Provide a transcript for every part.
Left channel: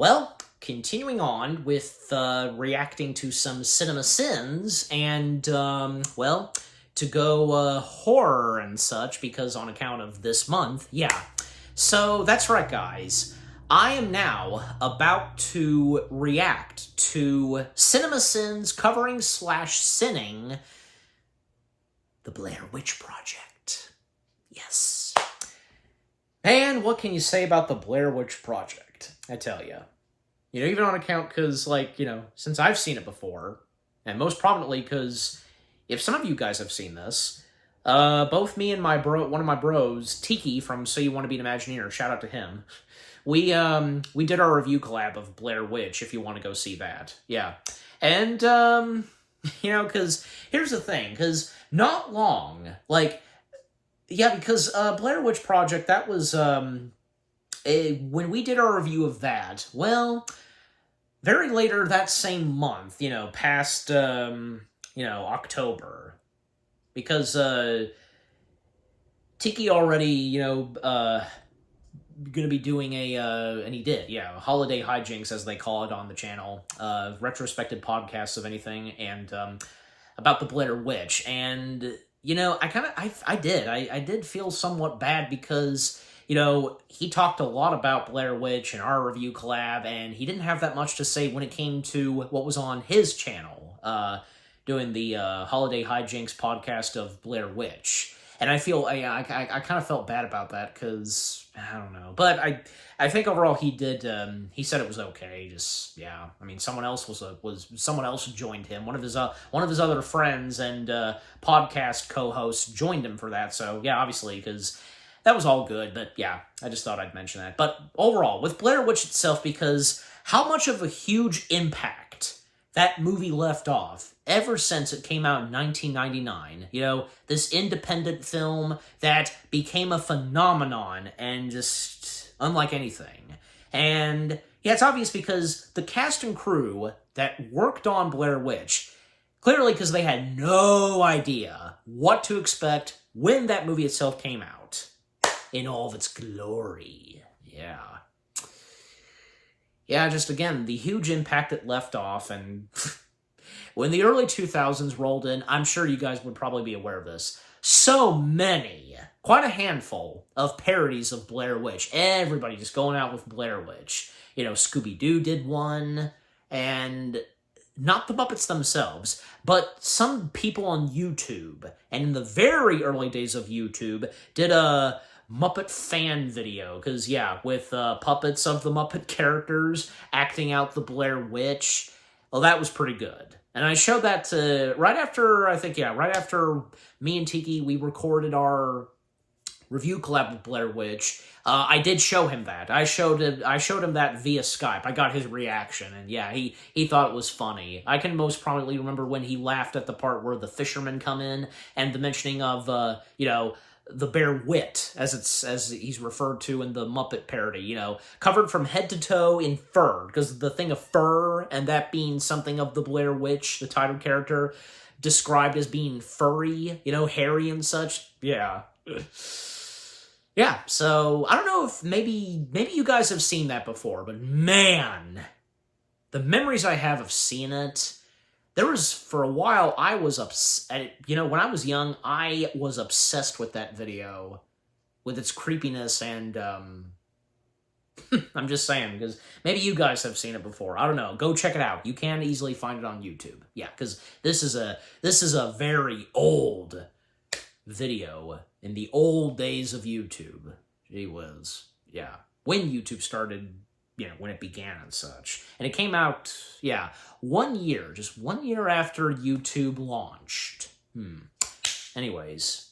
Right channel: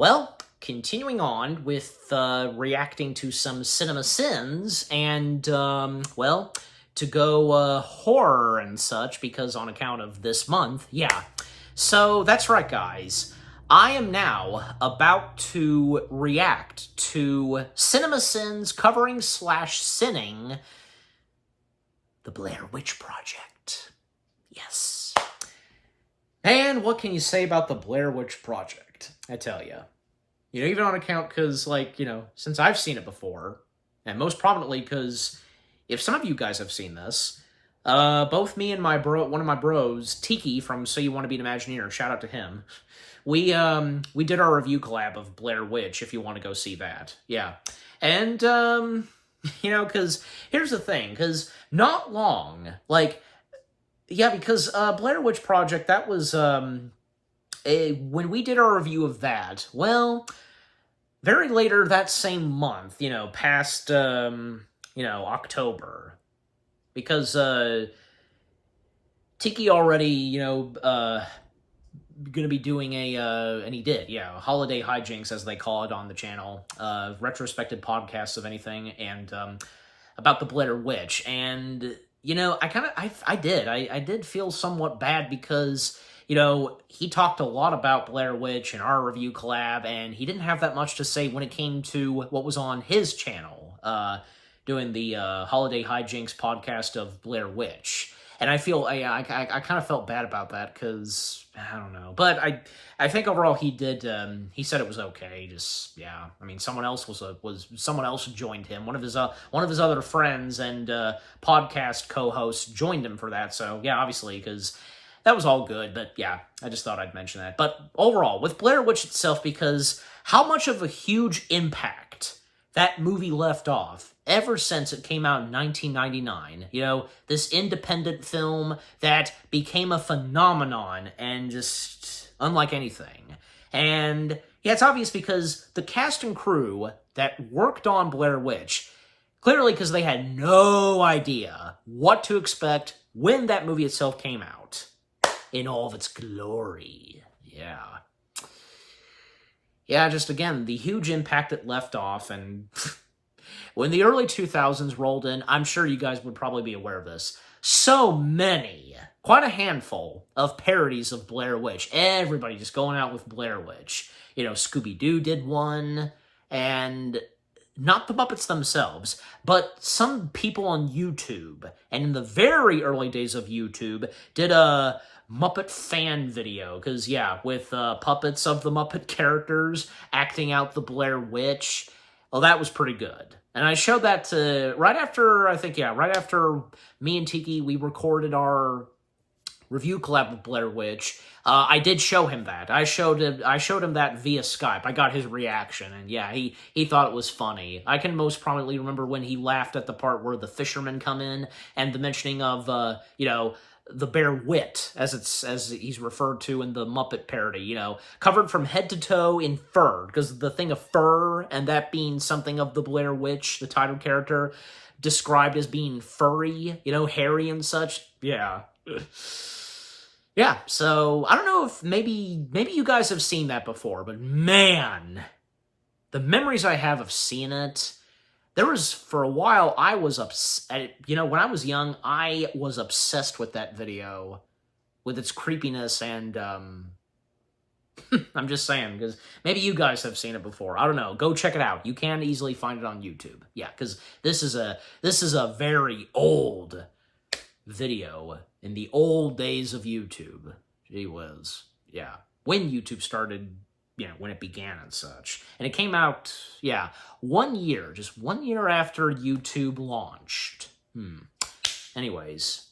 Well, continuing on with reacting to some cinema sins and, well, to go horror and such, because on account of this month, yeah. So that's right, guys. I am now about to react to cinema sins covering / sinning the Blair Witch Project. Yes. And what can you say about the Blair Witch Project? I tell you. Even on account because, since I've seen it before, and most prominently because if some of you guys have seen this, both me and one of my bros, Tiki from So You Want to Be an Imagineer, shout out to him, we did our review collab of Blair Witch, if you want to go see that. Yeah. And, because here's the thing, because not long, because Blair Witch Project, that was, when we did our review of that, well, very later that same month, past, October, because, Tiki already, gonna be doing and he did, holiday hijinks, as they call it on the channel, retrospective podcasts of anything, and, about the Blair Witch, and, I did feel somewhat bad because, he talked a lot about Blair Witch in our review collab, and he didn't have that much to say when it came to what was on his channel, doing the Holiday Hijinks podcast of Blair Witch. And I feel, I kind of felt bad about that, because, I don't know. But I think overall he did, he said it was okay, just, yeah. I mean, someone else someone else joined him. One of his other friends and podcast co-hosts joined him for that, so, yeah, obviously, because that was all good, but yeah, I just thought I'd mention that. But overall, with Blair Witch itself, because how much of a huge impact that movie left off ever since it came out in 1999, this independent film that became a phenomenon and just unlike anything. And yeah, it's obvious because the cast and crew that worked on Blair Witch, clearly because they had no idea what to expect when that movie itself came out in all of its glory. Yeah. Yeah, just again, the huge impact it left off, and when the early 2000s rolled in, I'm sure you guys would probably be aware of this. So many, quite a handful of parodies of Blair Witch. Everybody just going out with Blair Witch. Scooby-Doo did one, and not the Muppets themselves, but some people on YouTube, and in the very early days of YouTube, did a Muppet fan video, because, yeah, with puppets of the Muppet characters acting out the Blair Witch. Well, that was pretty good. And I showed that right after me and Tiki, we recorded our review collab with Blair Witch. I did show him that. I showed him that via Skype. I got his reaction, and yeah, he thought it was funny. I can most prominently remember when he laughed at the part where the fishermen come in, and the mentioning of, the Bear Wit, as he's referred to in the Muppet parody, covered from head to toe in fur, because the thing of fur, and that being something of the Blair Witch, the title character, described as being furry, hairy and such. Yeah. Yeah, so, I don't know if maybe you guys have seen that before, but man, the memories I have of seeing it, there was, for a while, I was upset, when I was young, I was obsessed with that video, with its creepiness, and, I'm just saying, because maybe you guys have seen it before, I don't know, go check it out, you can easily find it on YouTube, yeah, because this is a very old video, in the old days of YouTube, gee whiz, yeah, when YouTube started, when it began and such. And it came out, yeah, just 1 year after YouTube launched. Anyways.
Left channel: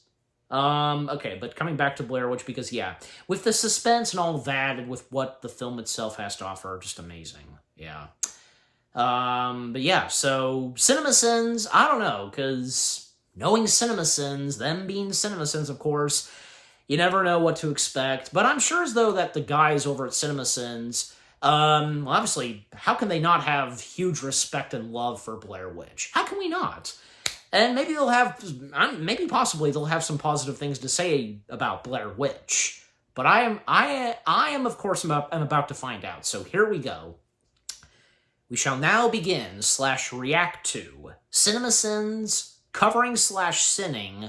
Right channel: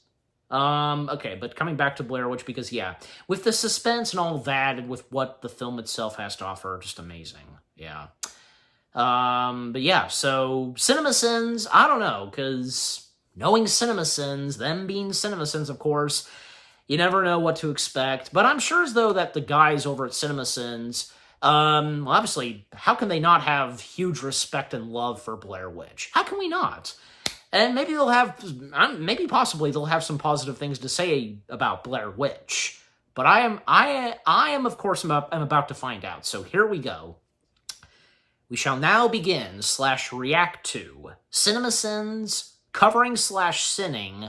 Okay, but coming back to Blair Witch, because, yeah, with the suspense and all of that, and with what the film itself has to offer, just amazing. Yeah. But yeah, so, CinemaSins, I don't know, because knowing CinemaSins, them being CinemaSins, of course, you never know what to expect. But I'm sure as though that the guys over at CinemaSins, well, obviously, how can they not have huge respect and love for Blair Witch? How can we not? And maybe possibly they'll have some positive things to say about Blair Witch. But I am of course, I'm about to find out. So here we go. We shall now begin / react to CinemaSins covering / sinning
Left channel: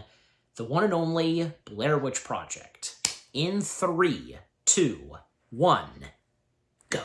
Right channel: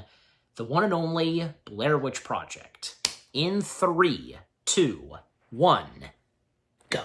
the one and only Blair Witch Project. In 3, 2, 1, go.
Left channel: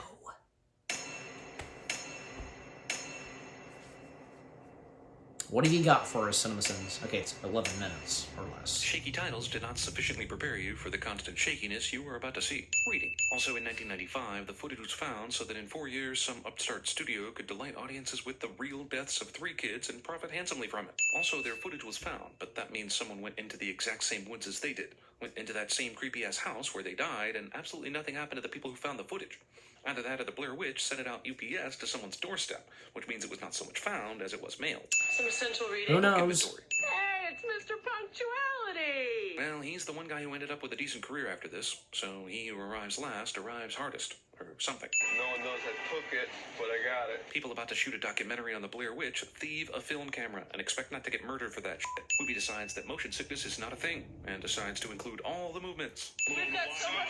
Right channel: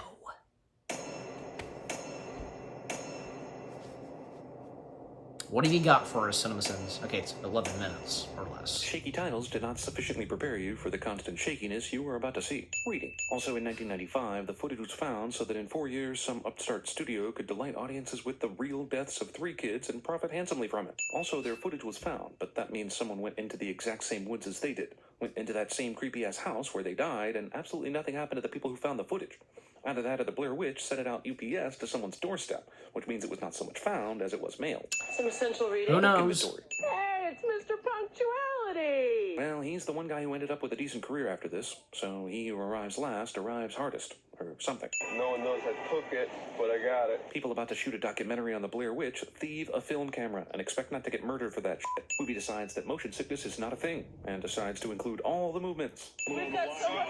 What have you got for us, CinemaSins? Okay, it's 11 minutes or less. Shaky titles did not sufficiently prepare you for the constant shakiness you were about to see. Reading. Also in 1995, the footage was found so that in 4 years, some upstart studio could delight audiences with the real deaths of 3 kids and profit handsomely from it. Also, their footage was found, but that means someone went into the exact same woods as they did, went into that same creepy-ass house where they died, and absolutely nothing happened to the people who found the footage. Either that or the Blair Witch sent it out UPS to someone's doorstep, which means it was not so much found as it was mailed. Some essential reading. Who knows? Hey, it's Mr. Punctuality! Well, he's the one guy who ended up with a decent career after this, so he who arrives last arrives hardest, or something. No one knows I took it, but I got it. People about to shoot a documentary on the Blair Witch thieve a film camera and expect not to get murdered for that shit. Movie decides that motion sickness is not a thing, and decides to include all the movements. We've got so much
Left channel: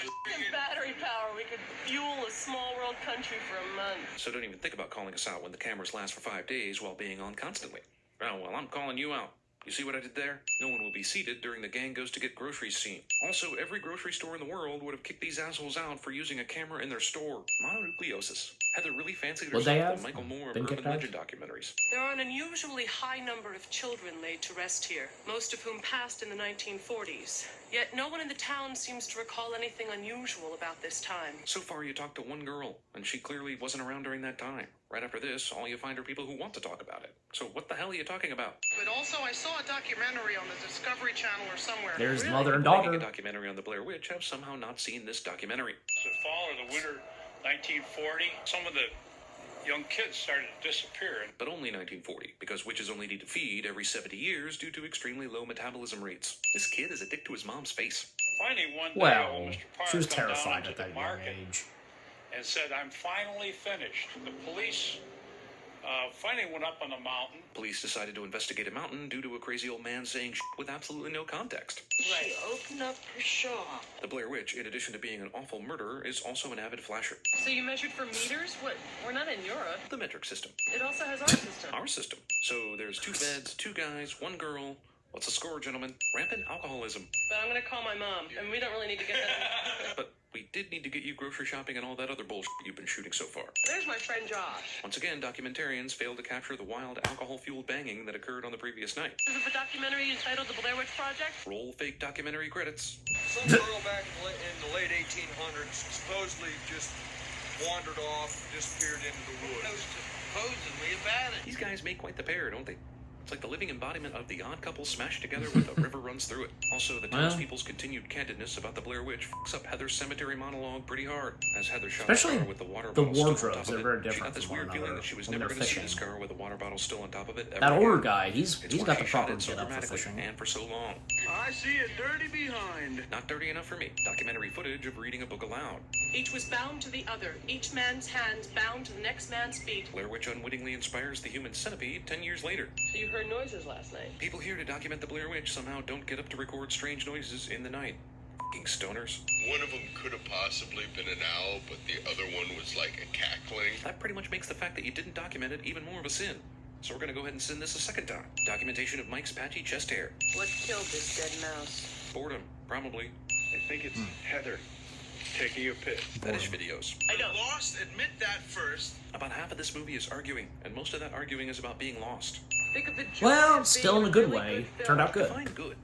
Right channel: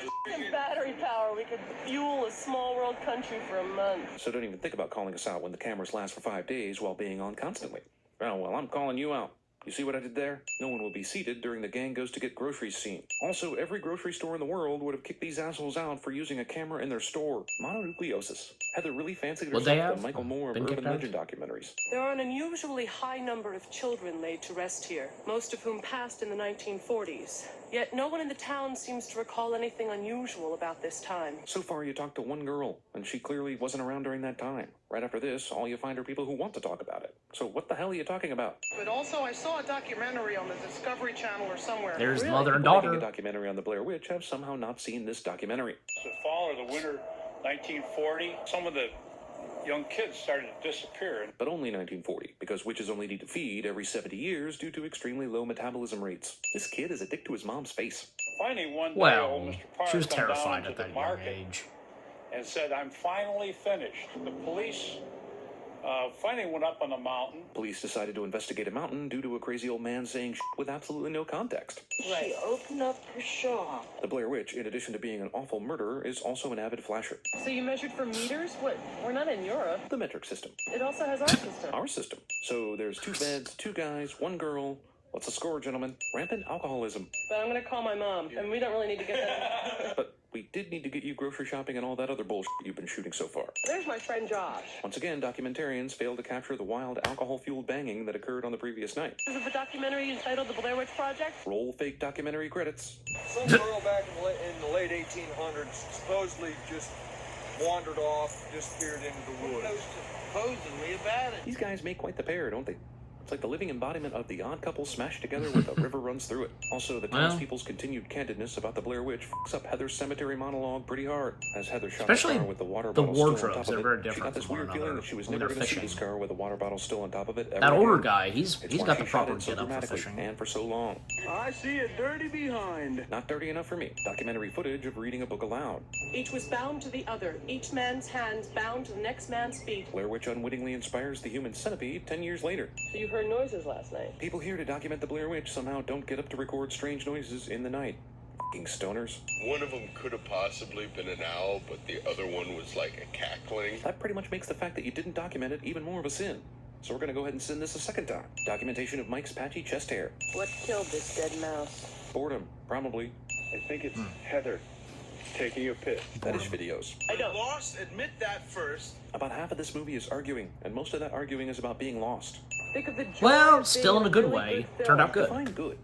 battery power, we could fuel a small world country for a month. So don't even think about calling us out when the cameras last for 5 days while being on constantly. Oh, well, I'm calling you out. You see what I did there? No one will be seated during the gang goes to get groceries scene. Also, every grocery store in the world would have kicked these assholes out for using a camera in their store. Mononucleosis. Heather really fancied Would they herself have the Michael Moore of been urban kicked out? legend documentaries. There are an unusually high number of children laid to rest here, most of whom passed in the 1940s. Yet no one in the town seems to recall anything unusual about this time. So far, you talked to one girl, and she clearly wasn't around during that time. Right after this, all you find are people who want to talk about it. So what the hell are you talking about? But also, I saw a documentary on the Discovery Channel or somewhere. There's Really? mother and People making daughter. a documentary on the Blair Witch have somehow not seen this documentary. The fall or the winter 1940, some of the young kids started to disappear. But only 1940, because witches only need to feed every 70 years due to extremely low metabolism rates. This kid is addicted to his mom's face. Finally, one day, Well, Mr. Parr she was come down terrified to at the that young market age. and said, "I'm finally finished." The police finally went up on the mountain. Police decided to investigate a mountain due to a crazy old man saying shit with absolutely no context. Right, open up your shop. The Blair Witch, in addition to being an awful murderer, is also an avid flasher. So you measured for meters? What? We're not in Europe. The metric system. It also has our system. Our system. So there's 2 beds, 2 guys, 1 girl. What's the score, gentlemen? Rampant alcoholism. But I'm gonna call my mom, and we don't really need to get that. But we did need to get you grocery shopping and all that other bullshit you've been shooting so far. There's my friend Josh. Once again, documentarians failed to capture the wild alcohol-fueled banging that occurred on the previous night. This is the documentary entitled The Blair Witch Project. Roll fake documentary credits. Some girl back in the late 1800s supposedly just wandered off, disappeared into the woods. Supposedly about it. These guys make quite the pair, don't they? It's like the living embodiment of the odd couple smashed together when the river runs through it. Also, the Well. townspeople's continued candidness about the Blair Witch fucks up Heather's cemetery monologue pretty hard. As Heather shot Especially the car with the water the bottle still on wardrobes, top they're of very it, she different got this from one weird feeling another that she was when never they're gonna see this fishing. car with the water bottle still on top of it. That ever older again. guy, he's It's why got the she shot proper it so get up for dramatically fishing. and for so long. I see it dirty behind. Not dirty enough for me. Documentary footage of reading a book aloud. Each was bound to the other, each man's hands bound to the next man's feet. Blair Witch unwittingly inspires the human centipede 10 years later. So you heard noises last night. People here to document the Blair Witch somehow don't get up to record strange noises in the night. F***ing stoners. One of them could have possibly been an owl, but the other one was like a cackling. That pretty much makes the fact that you didn't document it even more of a sin. So we're gonna go ahead and sin this a second time. Documentation of Mike's patchy chest hair. What killed this dead mouse? Boredom, probably. I think it's Heather taking a piss. Fetish videos. I don't. Lost, admit that first. About half of this movie is arguing, and most of that arguing is about being lost. Think of the joy Well, of still being in a good really way. film. Turned out good. Fine, good.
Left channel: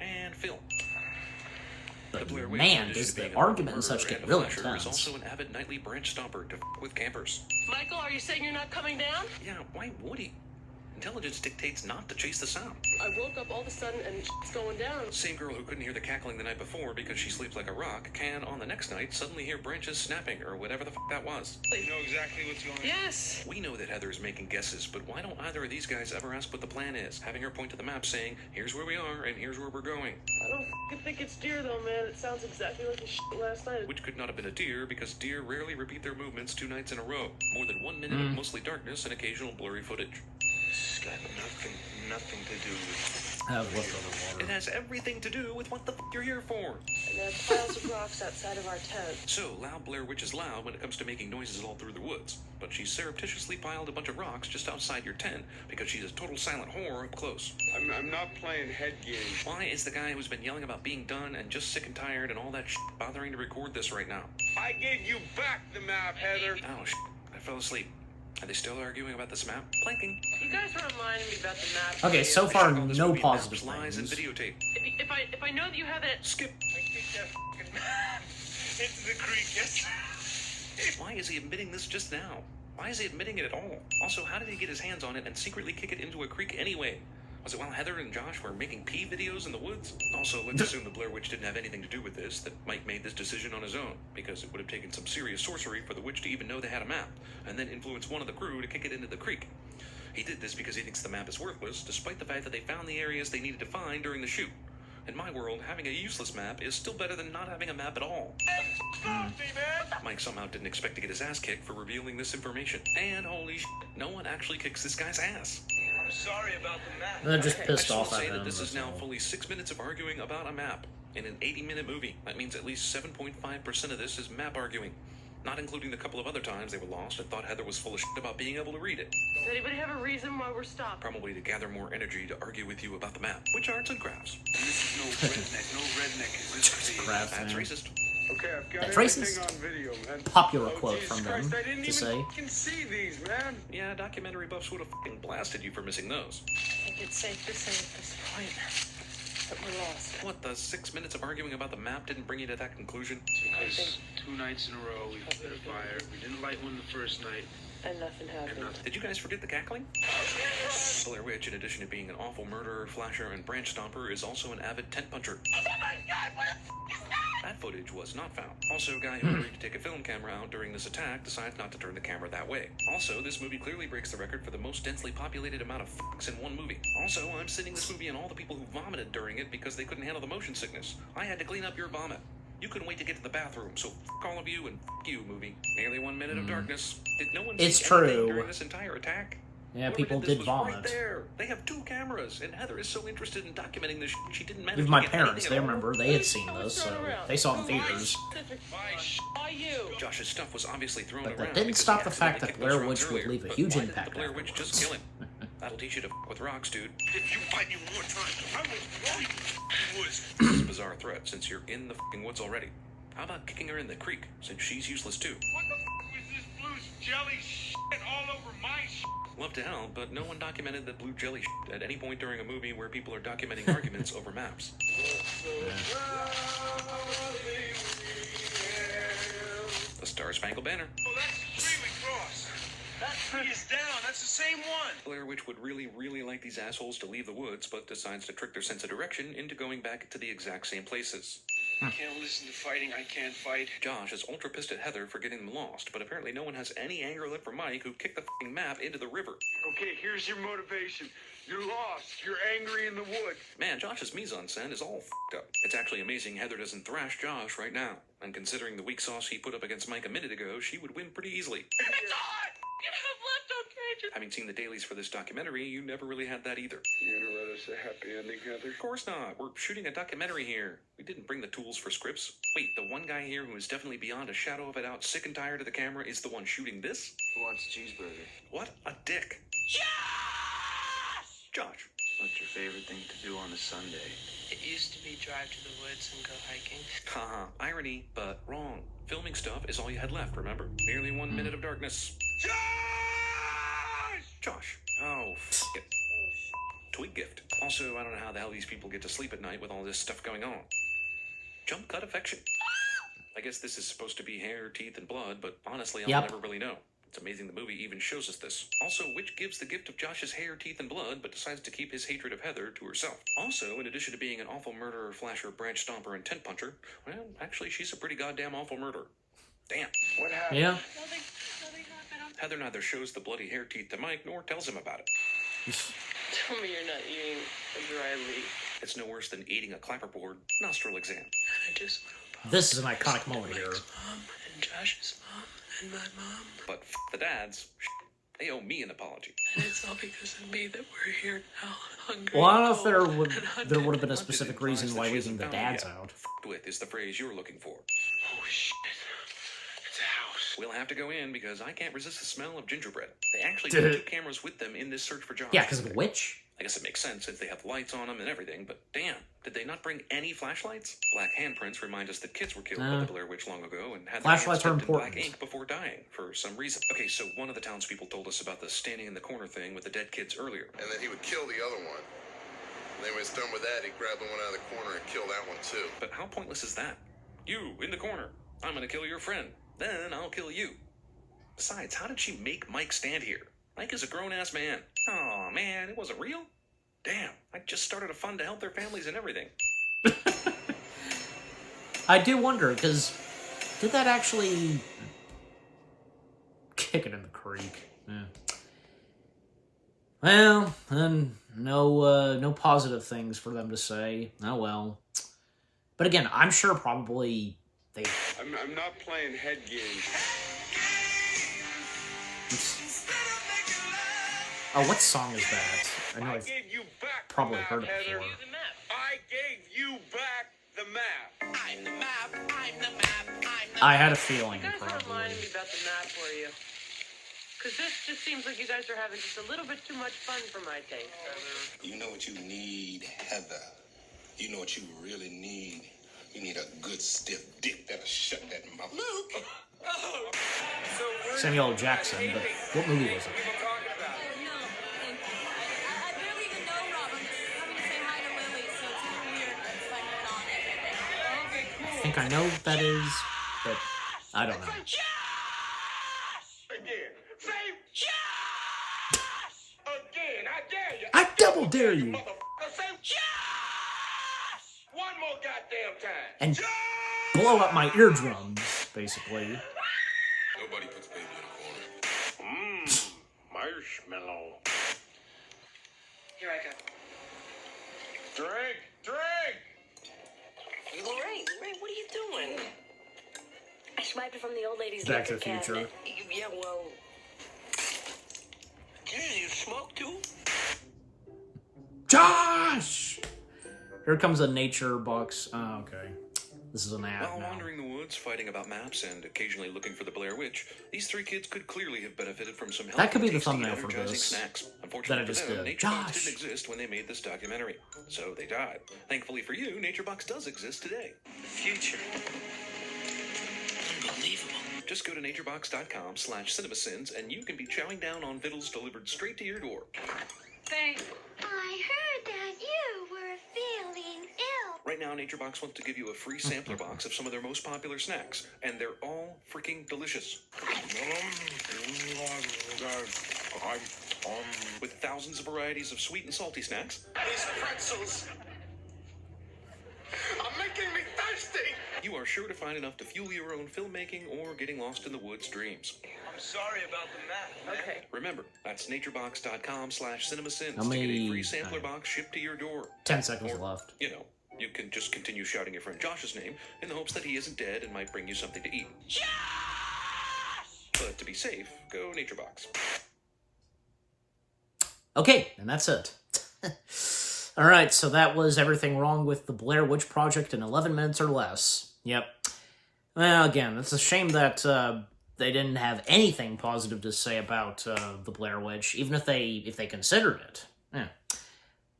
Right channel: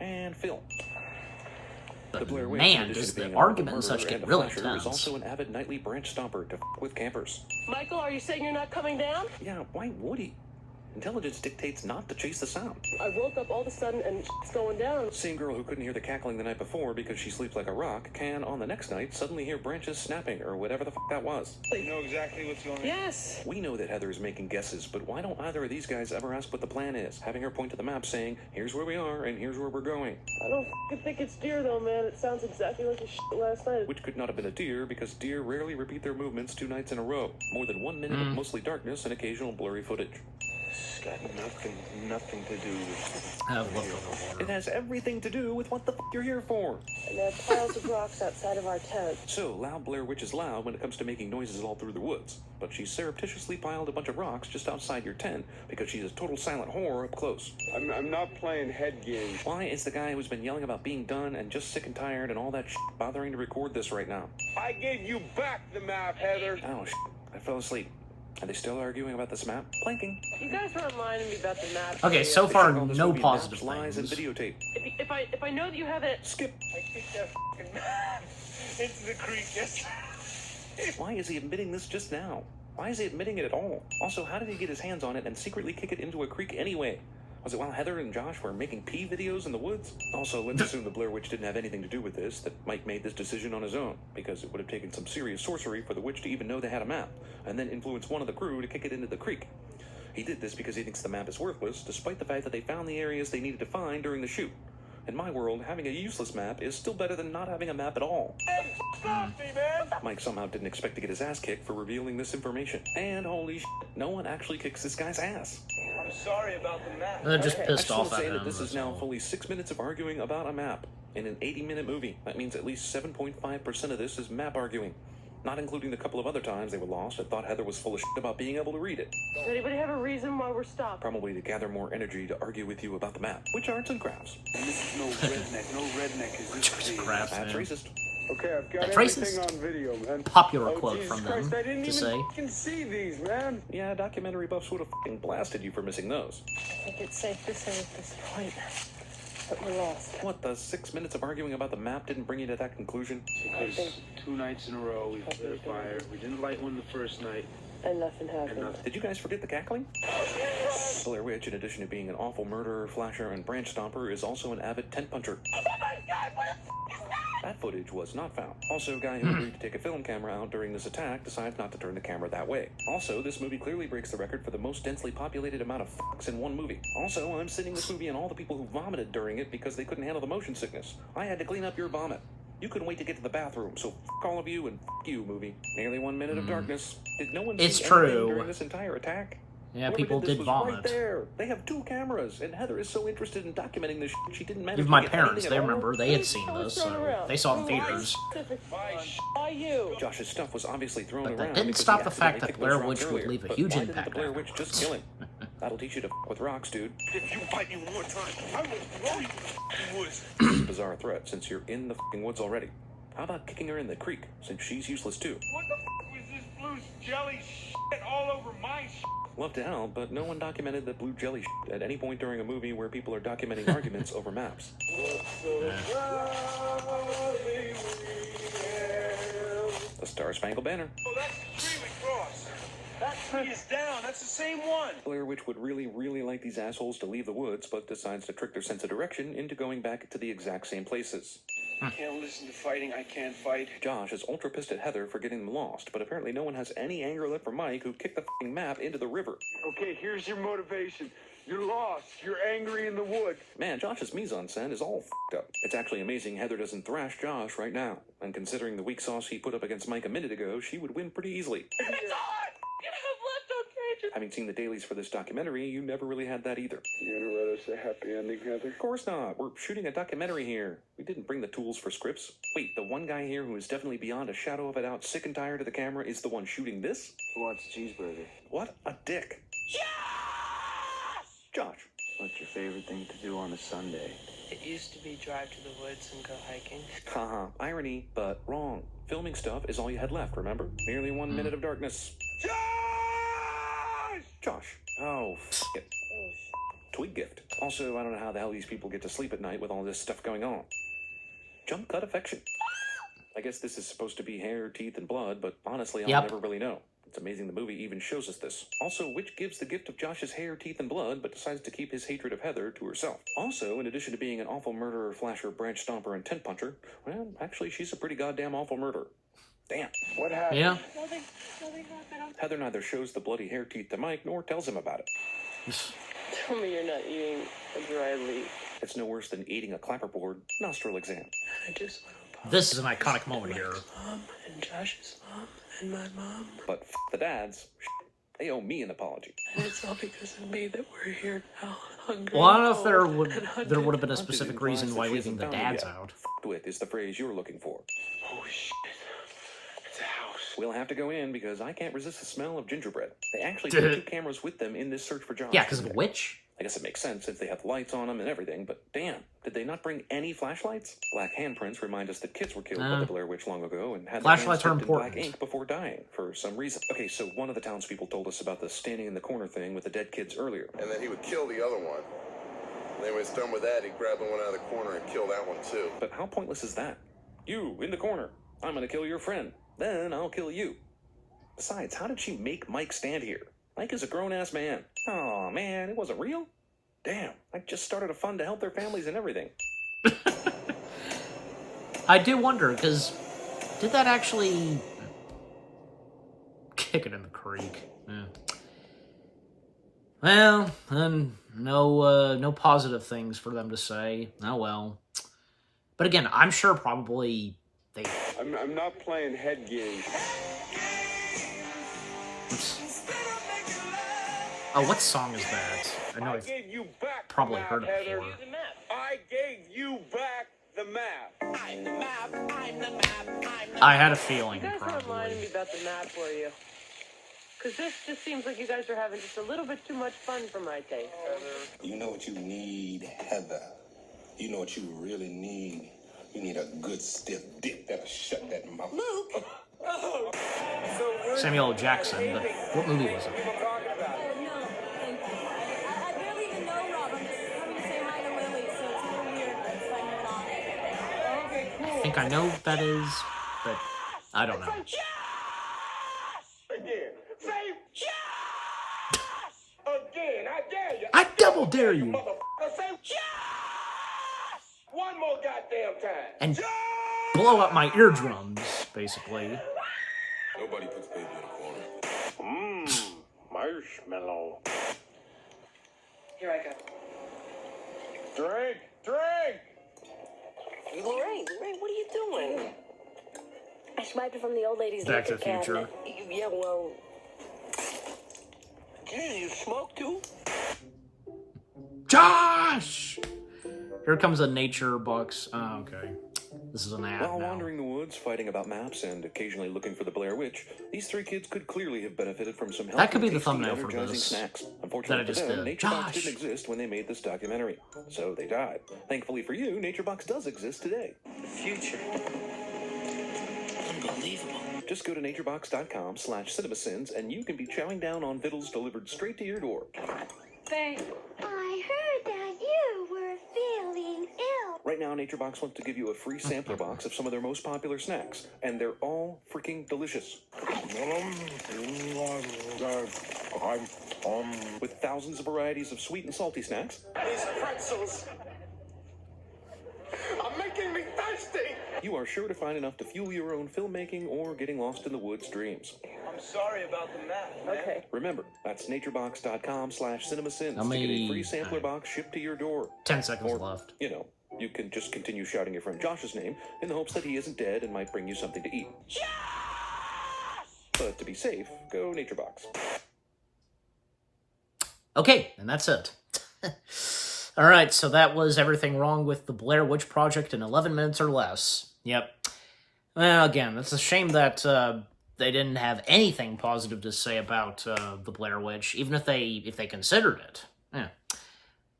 And film. But The Blair Witch, man, in addition does to the being a argument and murderer such get and a really flasher, intense. is also an avid nightly branch stomper to f with campers. Michael, are you saying you're not coming down? Yeah, why would he? Intelligence dictates not to chase the sound. I woke up all of a sudden and it's going down. Same girl who couldn't hear the cackling the night before because she sleeps like a rock can, on the next night, suddenly hear branches snapping or whatever the f that was. You know exactly what's going on? Yes. We know that Heather is making guesses, but why don't either of these guys ever ask what the plan is? Having her point to the map saying, here's where we are and here's where we're going. I don't f***ing think it's deer though, man. It sounds exactly like the shit last night. Which could not have been a deer because deer rarely repeat their movements 2 nights in a row. More than 1 minute of mostly darkness and occasional blurry footage. It's got nothing to do with... I have leftover water. It has everything to do with what the you're here for. And there are piles of rocks outside of our tent. So, loud Blair Witch is loud when it comes to making noises all through the woods. But she surreptitiously piled a bunch of rocks just outside your tent because she's a total silent whore up close. I'm not playing head games. Why is the guy who's been yelling about being done and just sick and tired and all that shit bothering to record this right now? I gave you back the map, Heather. Oh, shit. I fell asleep. Are they still arguing about this map? Planking. You guys were reminding me about the map. Okay, so They far, check all this no movie positive maps, lies, and things. videotape. If I know that you have it. Skip. I kicked that fucking man into the creek yesterday. Why is he admitting this just now? Why is he admitting it at all? Also, how did he get his hands on it and secretly kick it into a creek anyway? Was it while Heather and Josh were making pee videos in the woods? Also, let's assume the Blair Witch didn't have anything to do with this, that Mike made this decision on his own, because it would have taken some serious sorcery for the witch to even know they had a map, and then influence one of the crew to kick it into the creek. He did this because he thinks the map is worthless, despite the fact that they found the areas they needed to find during the shoot. In my world, having a useless map is still better than not having a map at all. Stop me, man! Mike somehow didn't expect to get his ass kicked for revealing this information. And holy shit, no one actually kicks this guy's ass. I'm sorry about the map. They're just I pissed just off want at to say him. that this is that's now all. fully 6 minutes of arguing about a map. In an 80-minute movie, that means at least 7.5% of this is map arguing. Not including the couple of other times they were lost and thought Heather was full of shit about being able to read it. Does anybody have a reason why we're stopped? Probably to gather more energy to argue with you about the map. Which arts and crafts? And this is no redneck. No redneck is Which arts and crafts, That's man. racist. Okay, I've got That's everything racist. on video, man. Popular Oh, quote Jesus from them Christ, I didn't to even say. fucking see these, man. Yeah, documentary buffs would have fucking blasted you for missing those. I think it's safe to say at this point that we're lost. What, the 6 minutes of arguing about the map didn't bring you to that conclusion? Because 2 nights in a row we lit a fire. We didn't light one the first night. And nothing And happened. nothing. Did you guys forget the cackling? Blair Witch, in addition to being an awful murderer, flasher, and branch stomper, is also an avid tent puncher. That footage was not found. Also, a guy who agreed to take a film camera out during this attack decides not to turn the camera that way. Also, this movie clearly breaks the record for the most densely populated amount of fucks in one movie. Also, I'm sitting this movie and all the people who vomited during it because they couldn't handle the motion sickness. I had to clean up your vomit. You couldn't wait to get to the bathroom, so fuck all of you and fuck you, movie. Nearly 1 minute of darkness. Did no one It's see anything true. during this entire attack? Yeah, Whoever people this did was vomit. Right there. They have 2 cameras, and Heather is so interested in documenting this she didn't manage Even to my get parents, anything they at all. remember, they had seen this, so they saw it in theaters. Why you? Josh's stuff was obviously thrown But that around didn't because stop he the fact accidentally that kicked Blair those rocks Witch would earlier. leave a But huge why didn't impact the Blair Witch just afterwards. kill him? That'll teach you to fuck with rocks, dude. If you fight me one more time, I will throw you in the woods. It's a bizarre threat since you're in the fucking woods already. How about kicking her in the creek since she's useless too? What the fuck was this blue jelly shit all over my shit? Love to hell, but no one documented the blue jelly shit at any point during a movie where people are documenting arguments over maps. The Star Spangled Banner. Oh, that's Freeway Cross. That tree is down. That's the same one. Blair Witch would really like these assholes to leave the woods, but decides to trick their sense of direction into going back to the exact same places. I can't listen to fighting. I can't fight. Josh is ultra pissed at Heather for getting them lost, but apparently no one has any anger left for Mike, who kicked the f***ing map into the river. Okay, here's your motivation. You're lost. You're angry in the woods. Man, Josh's mise-en-scène is all f***ed up. It's actually amazing Heather doesn't thrash Josh right now, and considering the weak sauce he put up against Mike a minute ago, she would win pretty easily. Having seen the dailies for this documentary, you never really had that either. You gonna write us a happy ending, Heather? Of course not. We're shooting a documentary here. We didn't bring the tools for scripts. Wait, the one guy here who is definitely beyond a shadow of a doubt sick and tired of the camera is the one shooting this? Who wants a cheeseburger? What a dick. Josh. What's your favorite thing to do on a Sunday? It used to be drive to the woods and go hiking. Haha, irony, but wrong. Filming stuff is all you had left, remember? Nearly 1 minute of darkness. Josh. Oh, f it. Twig gift. Also, I don't know how the hell these people get to sleep at night with all this stuff going on. Jump cut affection. I guess this is supposed to be hair, teeth, and blood, but honestly, I'll Yep. never really know. It's amazing the movie even shows us this. Also, which gives the gift of Josh's hair, teeth, and blood, but decides to keep his hatred of Heather to herself. Also, in addition to being an awful murderer, flasher, branch stomper, and tent puncher, well, actually, she's a pretty goddamn awful murderer. Damn. What happened? Yeah. Nothing happened. Heather neither shows the bloody hair teeth to Mike, nor tells him about it. Tell me you're not eating a dry leaf. It's no worse than eating a clapperboard nostril exam. I just want to This is an iconic moment here. Mom and Josh's mom and my mom. But f the dads. They owe me an apology. And it's all because of me that we're here now. Hungry. Well, I don't know if there and would hunted. have been a Hunches specific implies reason that why she leaving hasn't the found it dads yet. out. F***ed with is the phrase you were looking for. Oh shit. It's a house. We'll have to go in because I can't resist the smell of gingerbread. They actually took 2 cameras with them in this search for Josh. Yeah, because of a witch? I guess it makes sense if they have lights on them and everything, but damn, did they not bring any flashlights? Black handprints remind us that kids were killed by the Blair Witch long ago and had flashlights their are hands dipped in important. black ink before dying for some reason. Okay, so one of the townspeople told us about the standing in the corner thing with the dead kids earlier. And then he would kill the other one. And then when he's done with that, he'd grab the one out of the corner and kill that one too. But how pointless is that? You, in the corner. I'm gonna kill your friend. Then I'll kill you. Besides, how did she make Mike stand here? Mike is a grown-ass man. Aw, man, it wasn't real? Damn, I just started a fund to help their families and everything. I do wonder, because did that actually kick it in the creek? Yeah. Well, no positive things for them to say. Oh well. But again, I'm sure probably they... I'm not playing head games. Oh, what song is that? I know I've gave you back probably the heard map, it before. Heather. I gave you back the map. I'm the map. I'm the map. I'm the I had a feeling, You guys weren't probably. lying to me about the map, were you? Because this just seems like you guys are having just a little bit too much fun for my taste. You know what you need, Heather? You know what you really need? You need a good stiff dick that'll shut that mouth. Luke! Samuel L. Jackson, but what movie was it? I think I know what that is, but I don't know. Again. Say yes! Again, I dare you. I double dare you! Motherfucker, say yes! One more goddamn time. And blow up my eardrums, basically. Nobody puts baby in a corner. Marshmallow. Here I go. Drink! Lorraine, what are you doing? I swiped it from the old lady's Back to liquor the Future. cabinet. Yeah, well, Gee, you smoke too? Josh! Here comes a nature box. Oh, okay. This is an ad While now. wandering the woods, fighting about maps, and occasionally looking for the Blair Witch, these 3 kids could clearly have benefited from some That could be the healthy, thumbnail tasty, for energizing this snacks. that I Unfortunately just for them, did. NatureBox Josh! didn't exist when they made this documentary, so they died. Thankfully for you, NatureBox does exist today. Future. Unbelievable. Just go to naturebox.com/cinemasins and you can be chowing down on vittles delivered straight to your door. Thanks. I heard that you were feeling ill. Right now, NatureBox wants to give you a free sampler box of some of their most popular snacks, and they're all freaking delicious. With thousands of varieties of sweet and salty snacks, These pretzels are making me thirsty. you are sure to find enough to fuel your own filmmaking or getting lost in the woods dreams. I'm sorry about the map, man. Okay. Remember, that's naturebox.com/cinemasins How to get many- a free sampler box shipped to your door. 10 seconds Or, left. You know, you can just continue shouting your friend Josh's name in the hopes that he isn't dead and might bring you something to eat. But to be safe, go NatureBox. Okay, and that's it. Alright, so that was everything wrong with the Blair Witch Project in 11 minutes or less. Yep. Well, again, it's a shame that they didn't have anything positive to say about the Blair Witch, even if they considered it. Yeah.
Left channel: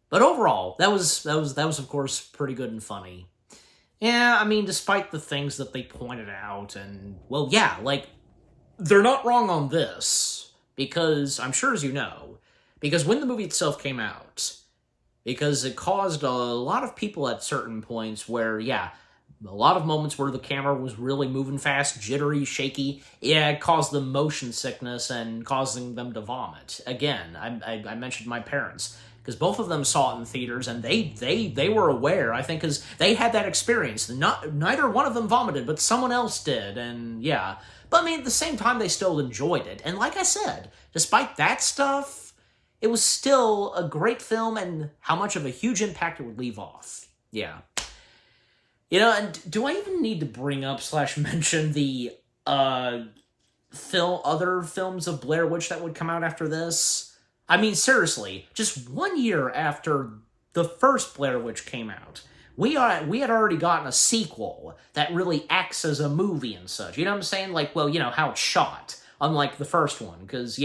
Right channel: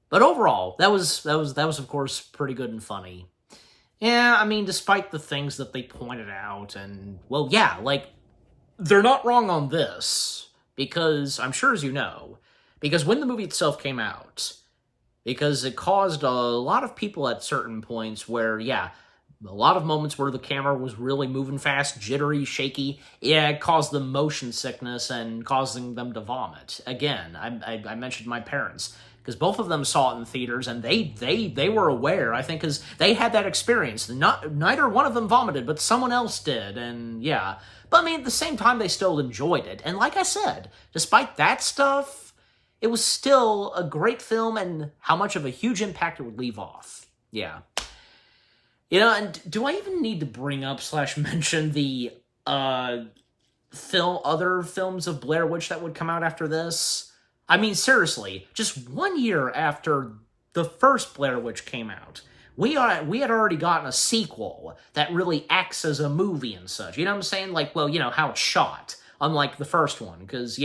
But overall, that was of course pretty good and funny. Yeah, I mean, despite the things that they pointed out, and well, yeah, like they're not wrong on this, because I'm sure, as you know, because when the movie itself came out, because it caused a lot of people at certain points where, yeah, a lot of moments where the camera was really moving fast, jittery, shaky. Yeah, it caused them motion sickness and causing them to vomit. Again, I mentioned my parents, because both of them saw it in theaters, and they were aware, I think, because they had that experience. Neither one of them vomited, but someone else did, and yeah. But I mean, at the same time, they still enjoyed it. And like I said, despite that stuff, it was still a great film, and how much of a huge impact it would leave off. Yeah. You know, and do I even need to bring up / mention the other films of Blair Witch that would come out after this. I mean, seriously, just 1 year after the first Blair Witch came out, we had already gotten a sequel that really acts as a movie and such. You know what I'm saying? Like, well, you know, how it's shot, unlike the first one. Because,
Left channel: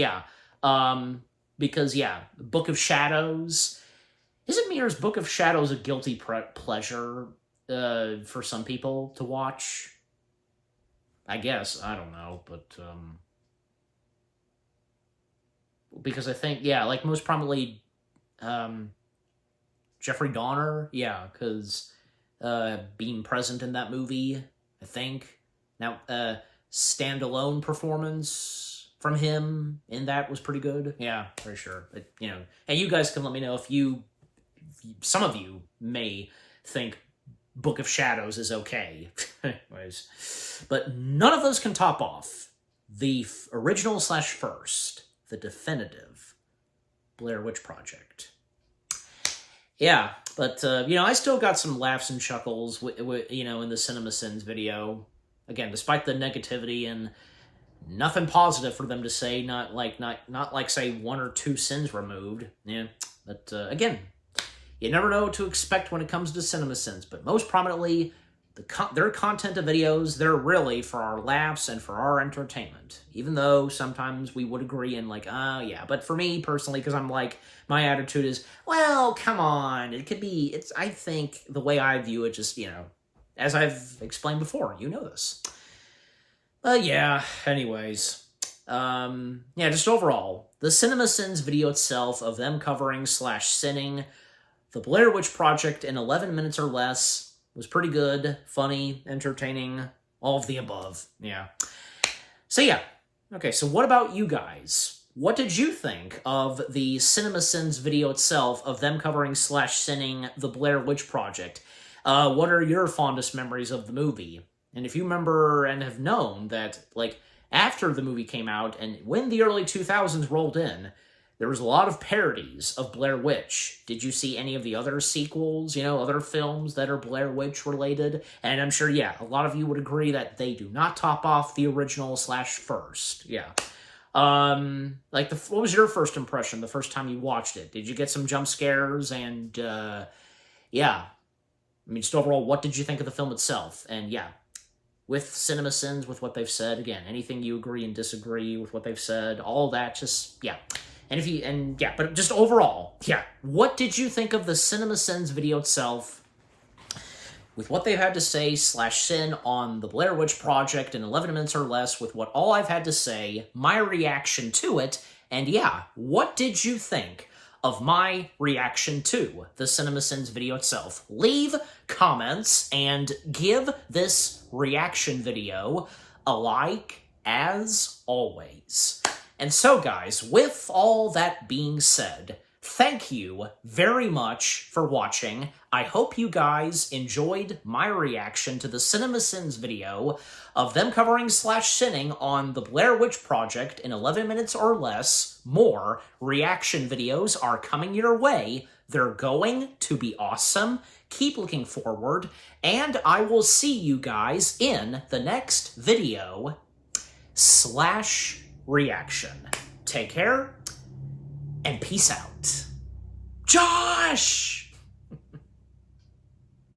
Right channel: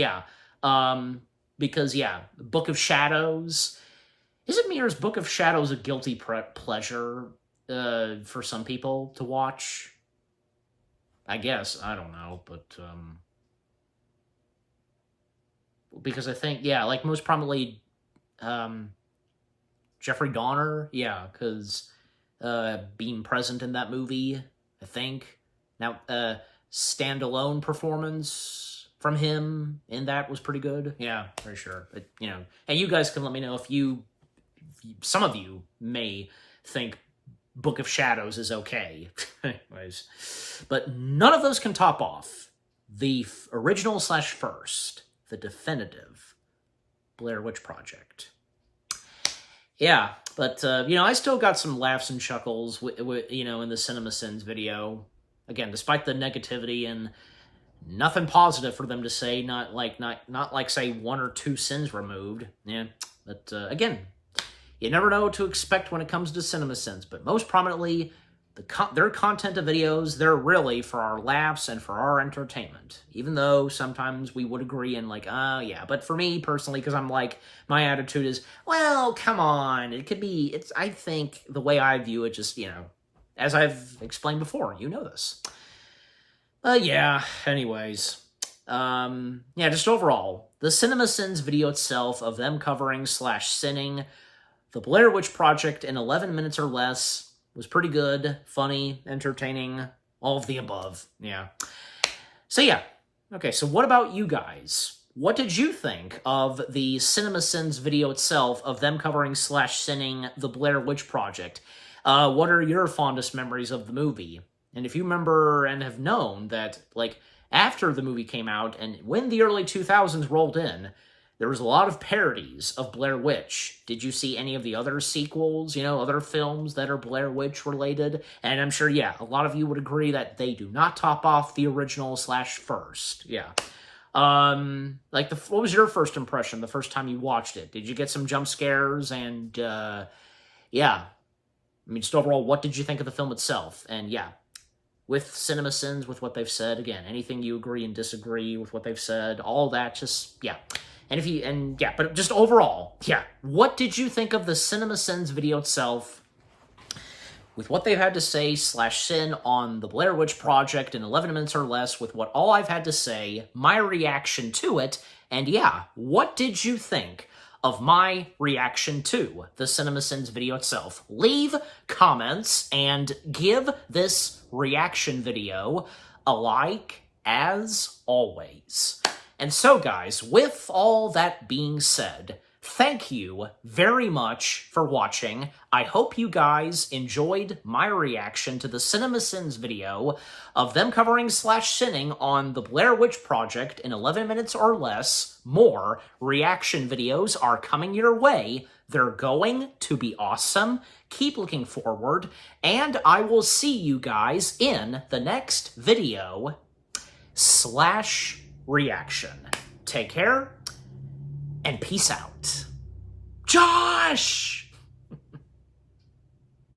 Book of Shadows. Isn't Mirror's Book of Shadows a guilty pleasure for some people to watch? I guess. I don't know. But, because I think, like most prominently, Jeffrey Dahmer, because being present in that movie, I think. Now, standalone performance from him in that was pretty good. Yeah, for sure. But, you know, and you guys can let me know if some of you may think Book of Shadows is okay. Anyways, but none of those can top off the original / first, the definitive Blair Witch Project. Yeah, but, I still got some laughs and chuckles, in the Cinema Sins video. Again, despite the negativity and nothing positive for them to say, not like, say, 1 or 2 sins removed. Yeah, but, again, you never know what to expect when it comes to Cinema Sins, but most prominently, their content of videos, they're really for our laughs and for our entertainment. Even though sometimes we would agree and but for me personally, because I'm like, my attitude is, well, come on, I think the way I view it, just, as I've explained before, you know this. Anyways, just overall, the Cinema Sins video itself of them covering / sinning the Blair Witch Project in 11 minutes or less was pretty good, funny, entertaining, all of the above. Yeah. So okay, so what about you guys? What did you think of the Cinema Sins video itself of them covering / sinning the Blair Witch Project? What are your fondest memories of the movie? And if you remember and have known that, after the movie came out and when the early 2000s rolled in, there was a lot of parodies of Blair Witch. Did you see any of the other sequels, other films that are Blair Witch related? And I'm sure, a lot of you would agree that they do not top off the original / first. Yeah. What was your first impression the first time you watched it? Did you get some jump scares? And, I mean, just overall, what did you think of the film itself? And, with Cinema Sins, with what they've said, again, anything you agree and disagree with what they've said, all that, just, but just overall, what did you think of the Cinema Sins video itself, with what they've had to say / sin on the Blair Witch Project in 11 minutes or less, with what all I've had to say, my reaction to it, and what did you think of my reaction to the Cinema Sins video itself? Leave comments and give this reaction video a like, as always. And so, guys, with all that being said, thank you very much for watching. I hope you guys enjoyed my reaction to the Cinema Sins video of them covering / sinning on the Blair Witch Project in 11 minutes or less. More reaction videos are coming your way. They're going to be awesome. Keep looking forward, and I will see you guys in the next video / reaction. Take care, and peace out. Josh!